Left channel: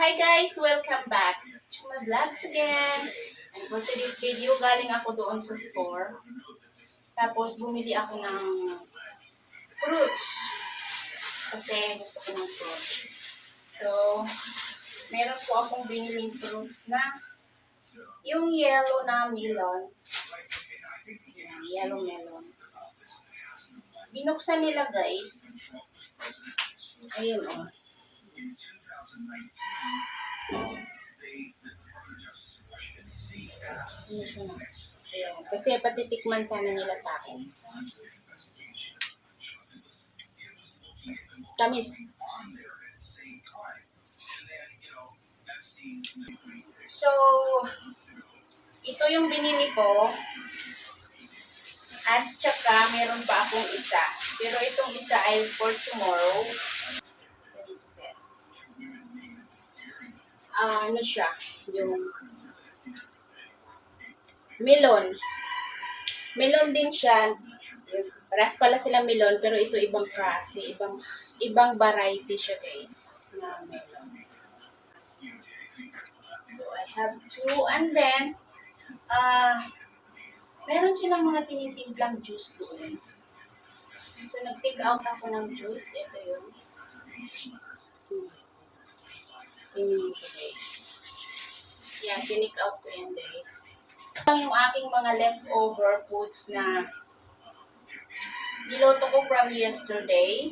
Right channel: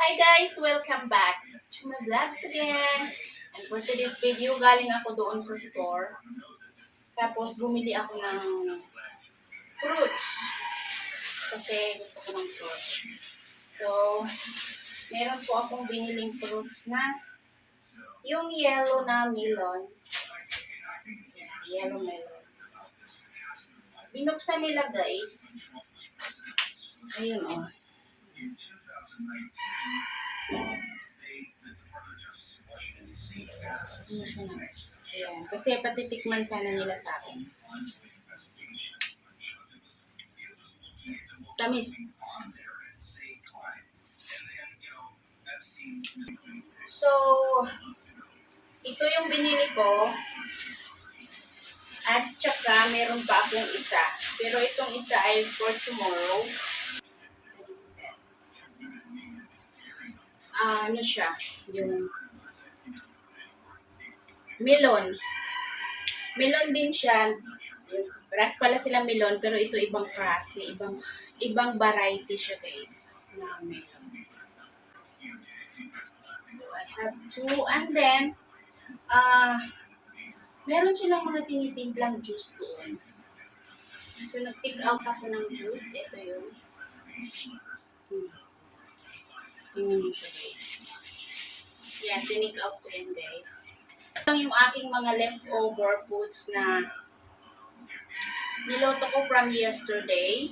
Hi guys! Welcome back to my vlogs again. And for today's video, galing ako doon sa store. Tapos bumili ako ng fruits. Kasi gusto ko ng fruits. So, meron po akong biniling fruits na yung yellow na melon. Yan, yellow melon. Binuksan nila guys. Ayun o. Ayan. Kasi patitikman sana nila sa akin. Tamis. So, ito yung binili ko. At saka, meron pa akong isa. Pero itong isa ay for tomorrow. So, this is it. Ano siya? Yung melon. Melon din siya. Paras pala sila melon, pero ito ibang klase. Ibang variety siya guys na melon. So, I have two. And then, meron silang mga tinitimplang juice doon. So, nag-take out ako ng juice. Ito yun. Tingnan nyo siya guys. Yan, tinik out ko yan guys. Ito yung aking mga leftover foods na niloto ko from yesterday.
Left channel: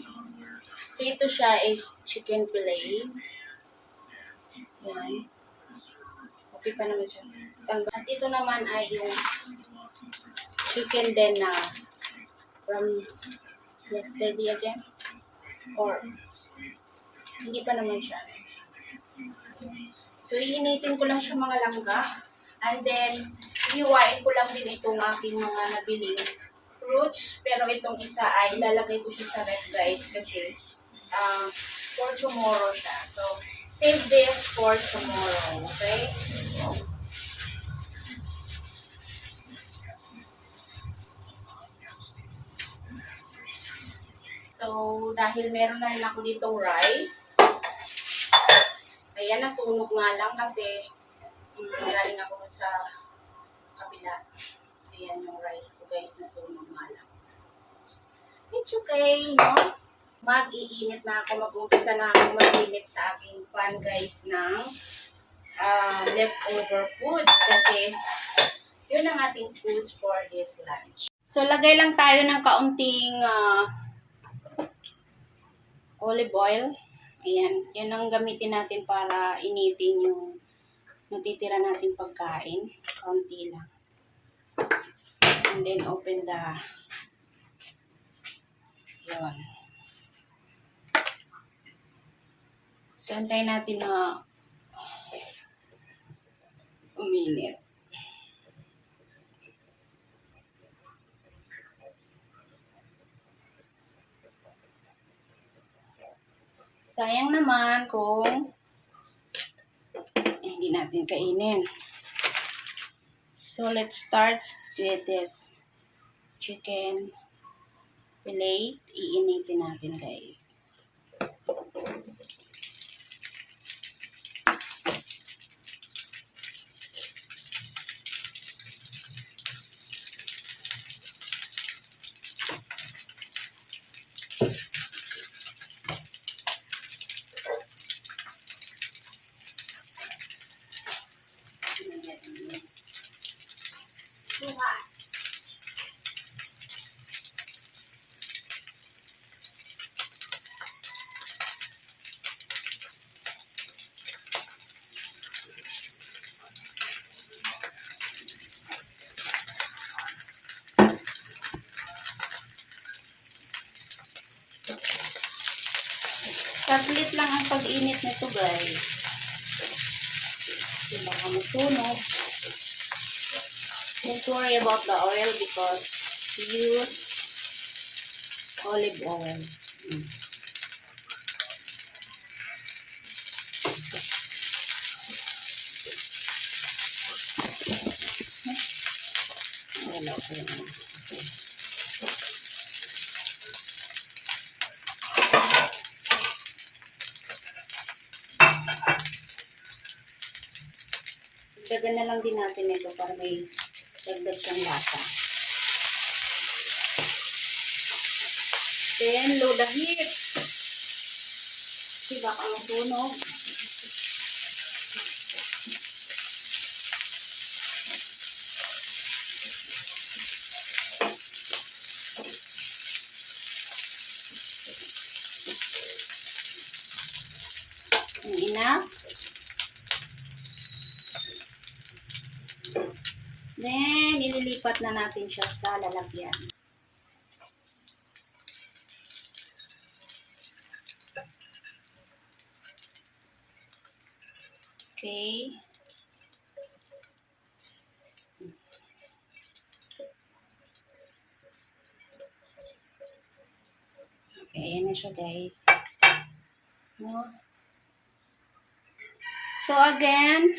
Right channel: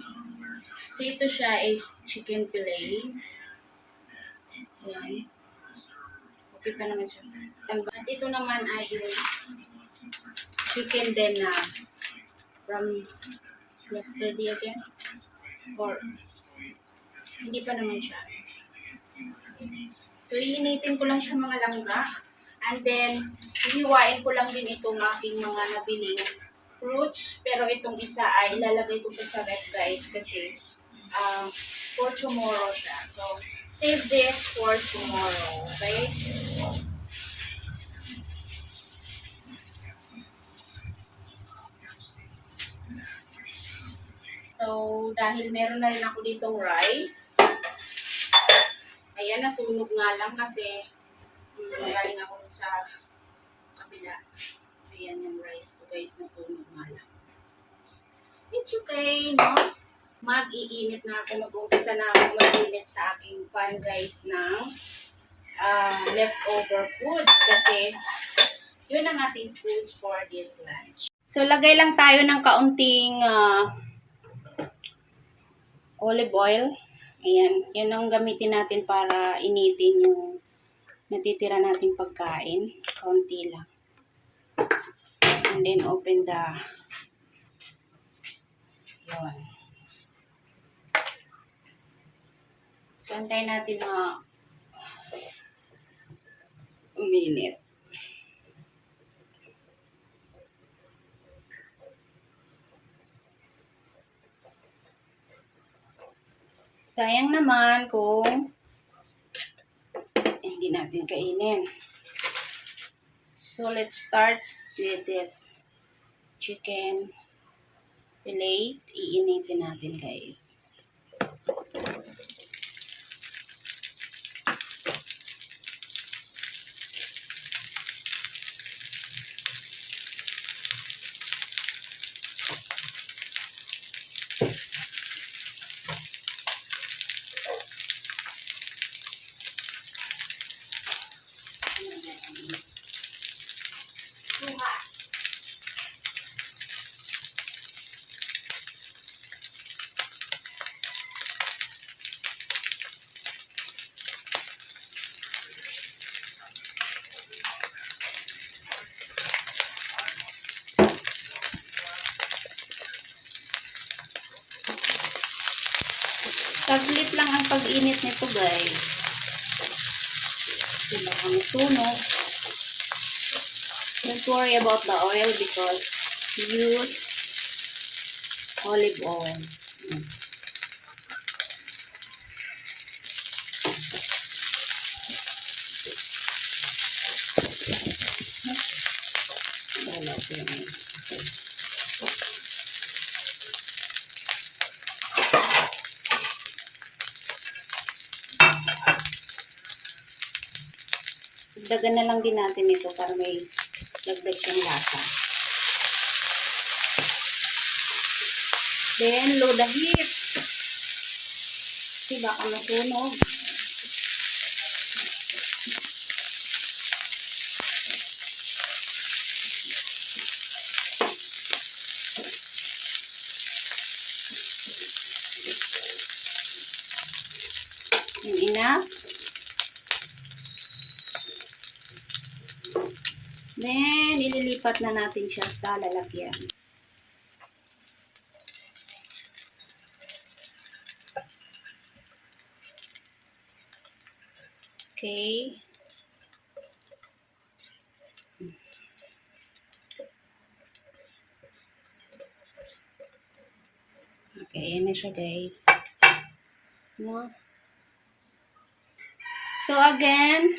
So, ito siya is chicken fillet. Yan. Okay pa naman siya. At ito naman ay yung chicken din na from yesterday again. Or, hindi pa naman siya. So, iinitin ko lang siya mga langga. And then, hiwain ko lang din itong aking mga nabiling fruits. Pero itong isa ay ilalagay ko siya sa ref guys kasi for tomorrow siya. So, save this for tomorrow. Okay? So, dahil meron na rin ako ditong rice. Ayan, nasunog nga lang kasi galing ako dun sa kabila. Ayan yung rice ko guys, nasunog nga lang. It's okay, no? Mag-iinit na ako, mag-umpisa na ako mag-init sa aking pan guys ng leftover foods kasi yun ang ating foods for this lunch. So, lagay lang tayo ng kaunting olive oil. Ayan, yun ang gamitin natin para initin yung natitira nating pagkain. Kaunti lang. And then, open the yun. So, antayin natin na uminit. Sayang naman kung hindi natin kainin. So, let's start with this chicken fillet. Iinitin natin guys. Saglit lang ang pag-init nito guys. Sila ang sunog. Don't worry about the oil because use olive oil. Wala ko yun. Dagan na lang din natin ito para may dagdag siyang lasa. Then, low the heat. Kasi baka masunog. Enough. Then, ililipat na natin siya sa lalagyan. Okay. Okay, ayan na siya guys. No? So again,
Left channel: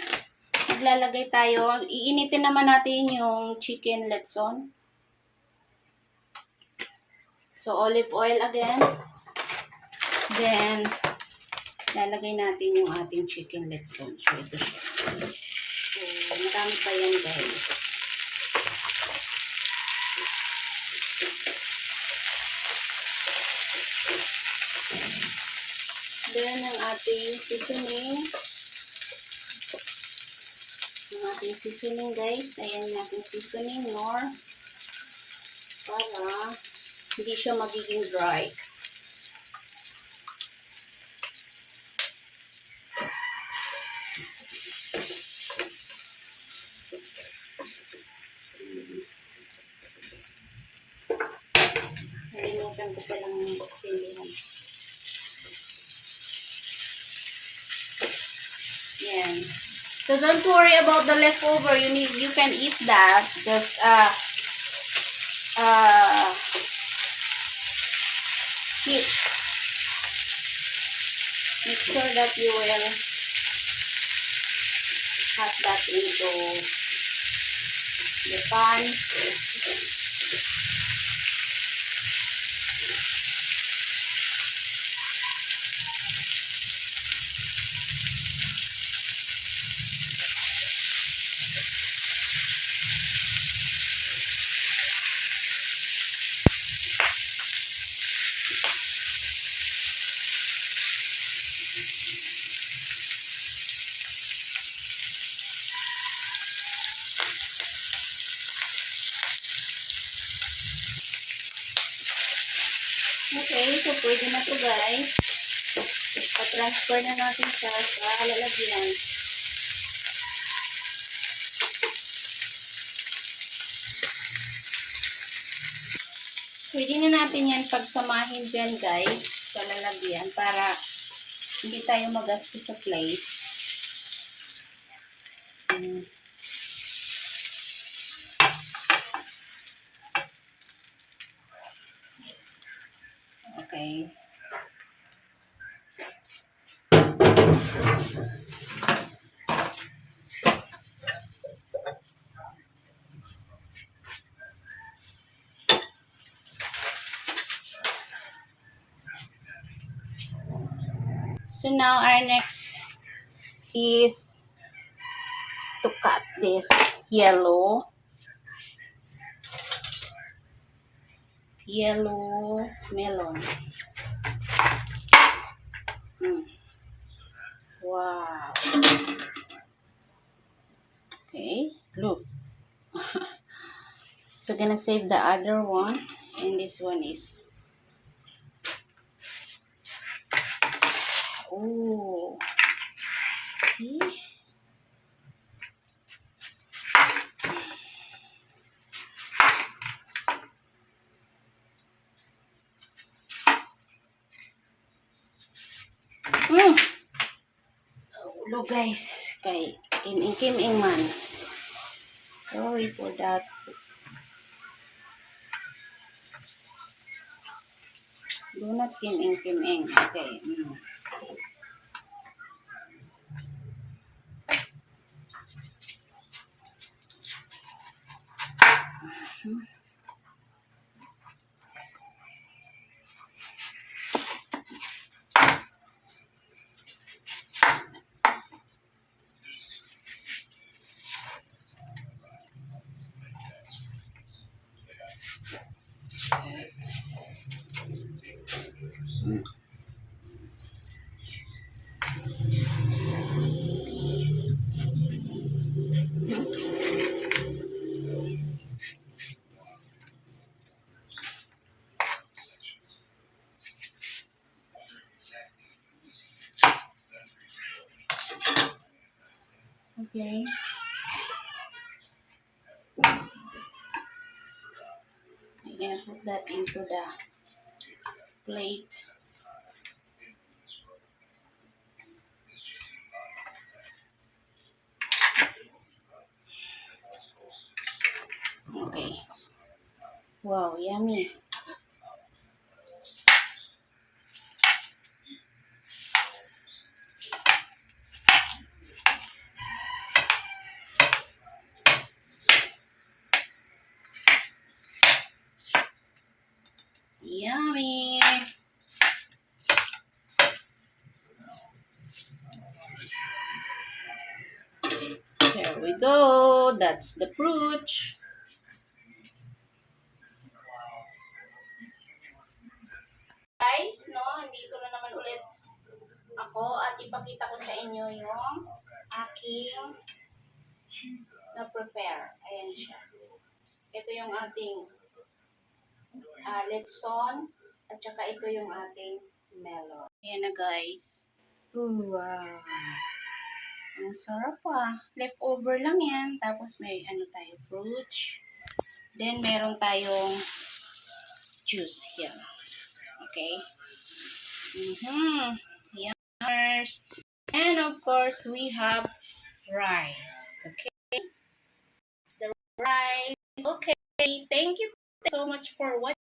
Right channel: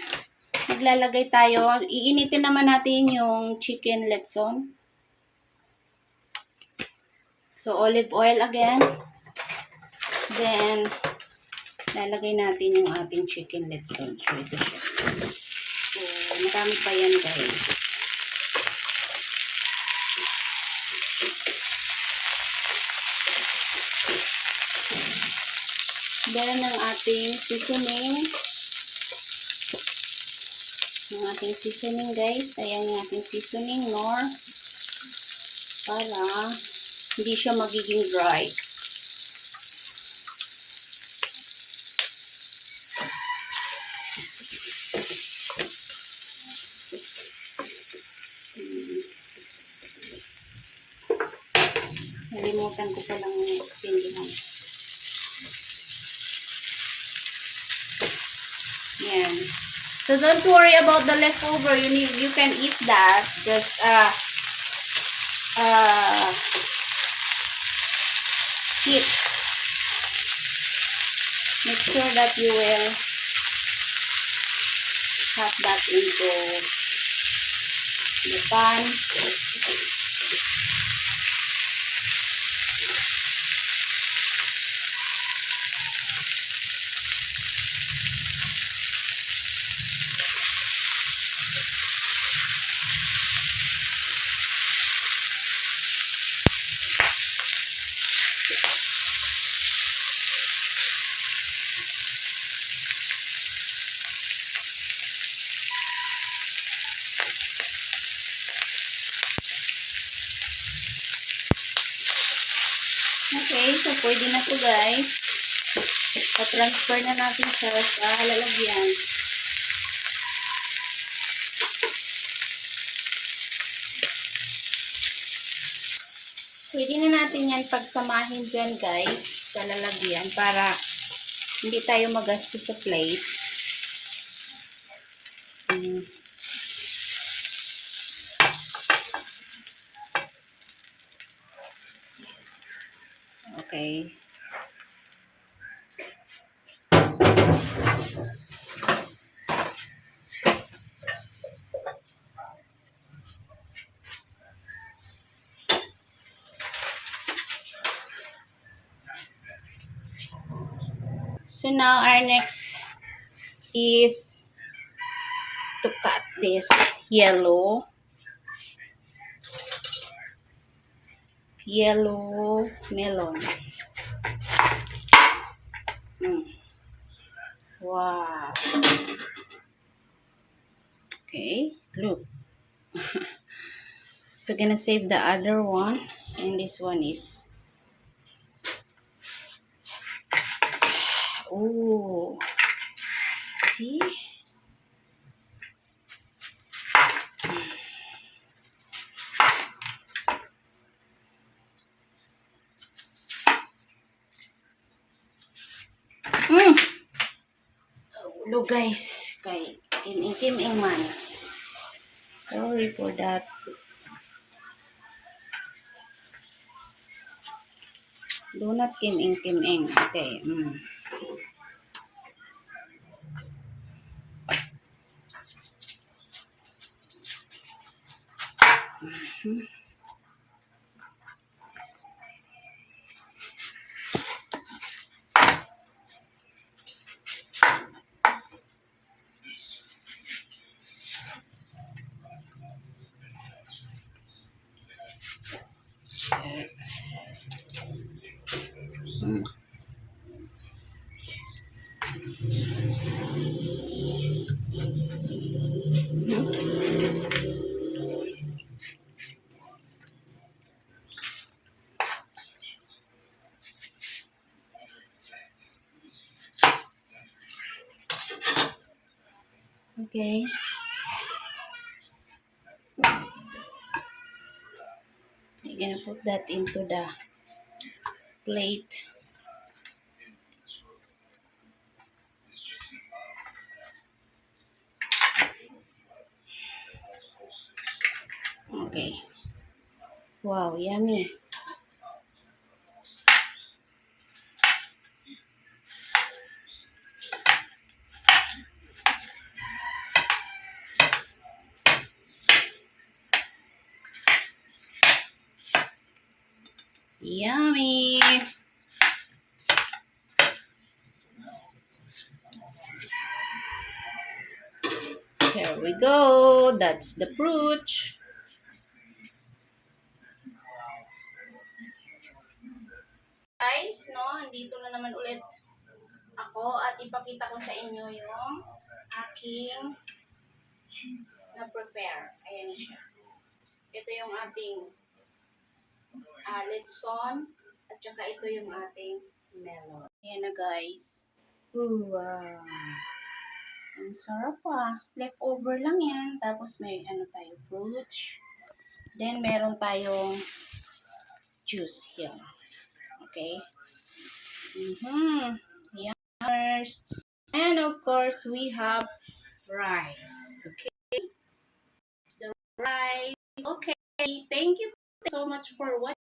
maglalagay tayo. Iinitin naman natin yung chicken letson. So olive oil again. Then, lalagay natin yung ating chicken letson. So ito siya. So, marami pa yan guys. Then, ang ating seasoning. Ang ating seasoning guys. Ayan yung ating seasoning, Nor. Para hindi siya magiging dry. Nalimutan ko palang pindihan. Yan. So don't worry about the leftover. You can eat that. Just heat. Make sure that you will cut that into the pan. Okay, so pwede na to guys. Pa-transfer na natin siya sa lalagyan. Pwede na natin yan pagsamahin dyan guys sa lalagyan para hindi tayo magastos sa plate. Okay. So now our next is to cut this yellow melon. Wow. Okay, look. So gonna save the other one, and this one is see. Look guys, kay kim-ing man. Sorry for that. Do not kim-ing. Okay. Okay. I'm gonna put that into the plate. Okay. Wow, yummy. Yummy. There we go. That's the fruit. Guys, no, dito na naman ulit ako at ipakita ko sa inyo yung aking na-prepare. Ayan siya. Ito yung ating letson at saka ito yung ating melon. Ayan na guys. Ooh, wow. Ang sarap ah. Leftover lang yan. Tapos may ano tayo, fruits. Then meron tayong juice here. Okay? Yummers. And of course, we have rice. Okay? The rice. Okay. Thank you so much for watching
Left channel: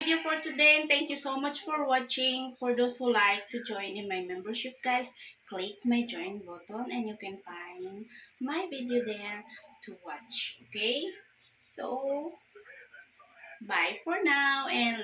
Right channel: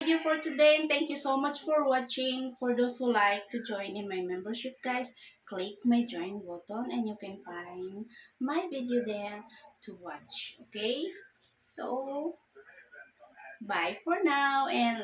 the video for today, and thank you so much for watching. For those who like to join in my membership, guys, click my join button and you can find my video there to watch. Okay? So, bye for now and